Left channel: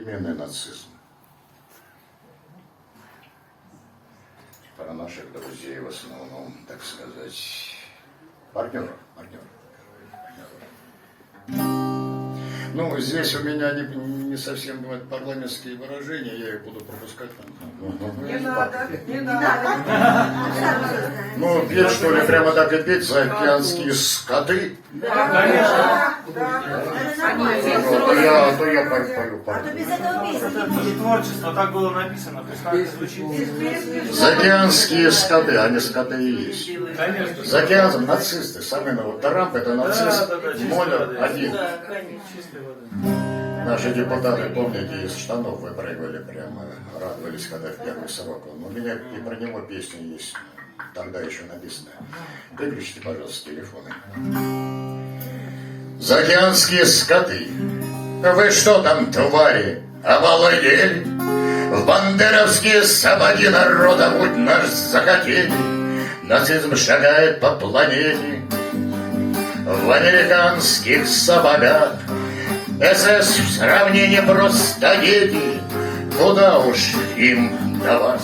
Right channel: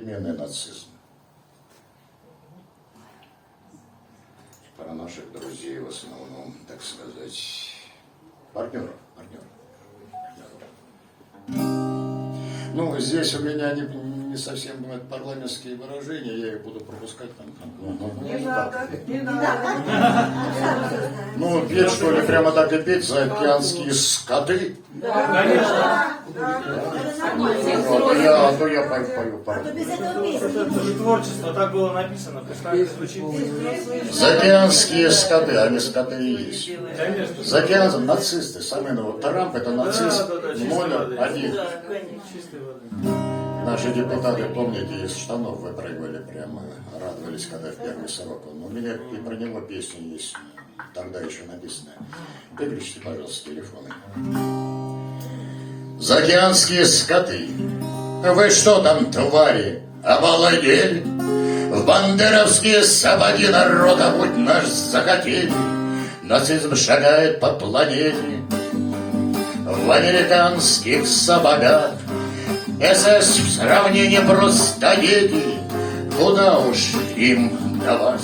современный нацизм. Про наших друзей в основном, так сказать, партнеров. Ну, здесь у меня не совсем парламентские выражения, я их буду пропускать. Не надо. Ну, петь, что ли, прямо так и петь, заокеанские скоты? Да, конечно. А то я пою. А то без этого месяца не может. Творчество, так было написано, пускай звучит. Заокеанские скоты, они скоты и есть. Конечно. Заокеанцы, нацисты, самый новый. Тарамп это нацист номер один. Наши депутаты, помните, из штанов выпрыгивали прямо, радовались, когда в первый срок. Но у меня и про него песня есть, тогда еще написанная. Выключите, пожалуйста, телефоны. Заокеанские скоты, вы что там, твари, обалдели? В бандеровские сапоги народа будь наш захотели. Нацизм шагает по планете в американских сапогах. СС в сравнении просто дети, куда уж им до вас.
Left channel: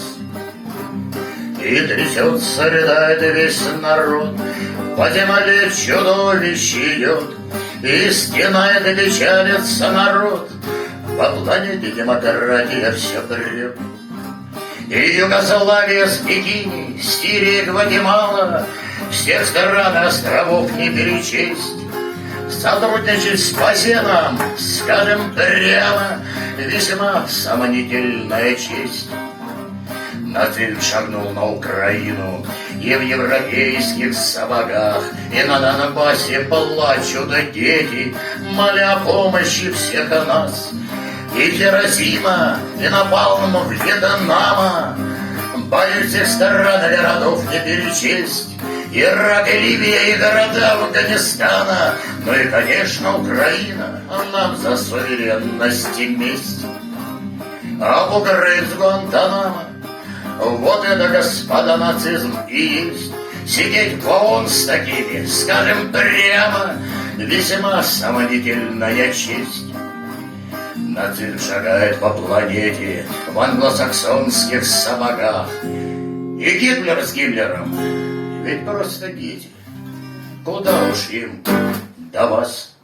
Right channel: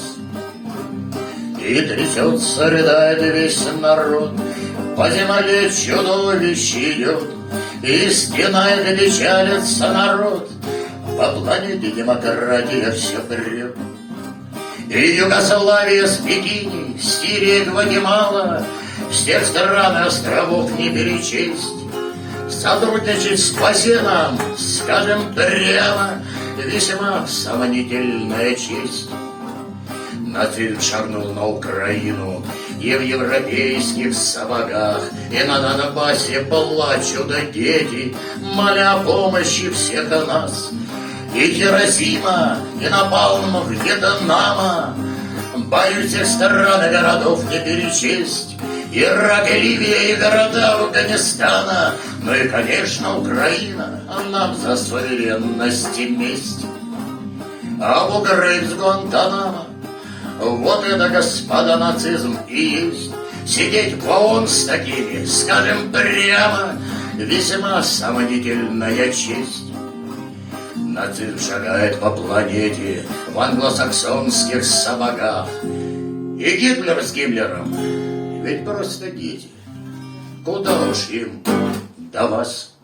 И трясется, рыдает весь народ, по земле чудовище идет, и стенает, и печалится народ, по планете демократия все прет. И Югославия с Пекини, Сирия, Гватемала, всех стран и островов не перечесть. Сотрудничать с Пасеном, скажем прямо, весьма сомнительная честь. Нацизм шагнул на Украину и в европейских сапогах, и на Донбассе плачут дети, моля о помощи всех нас. И Хиросима, и напалм Вьетнама, боюсь всех стран и городов не перечесть. Ирак, Ливия и города Афганистана, ну и, конечно, Украина, а нам за суверенность и месть. Абу Грейб с Гуантанамо, вот это, господа, нацизм и есть. Сидеть в ООН с такими, скажем прямо, весьма сомнительная честь. Нацизм шагает по планете в англосаксонских сапогах. И Гитлер с Гиммлером ведь просто дети. Куда уж им до вас?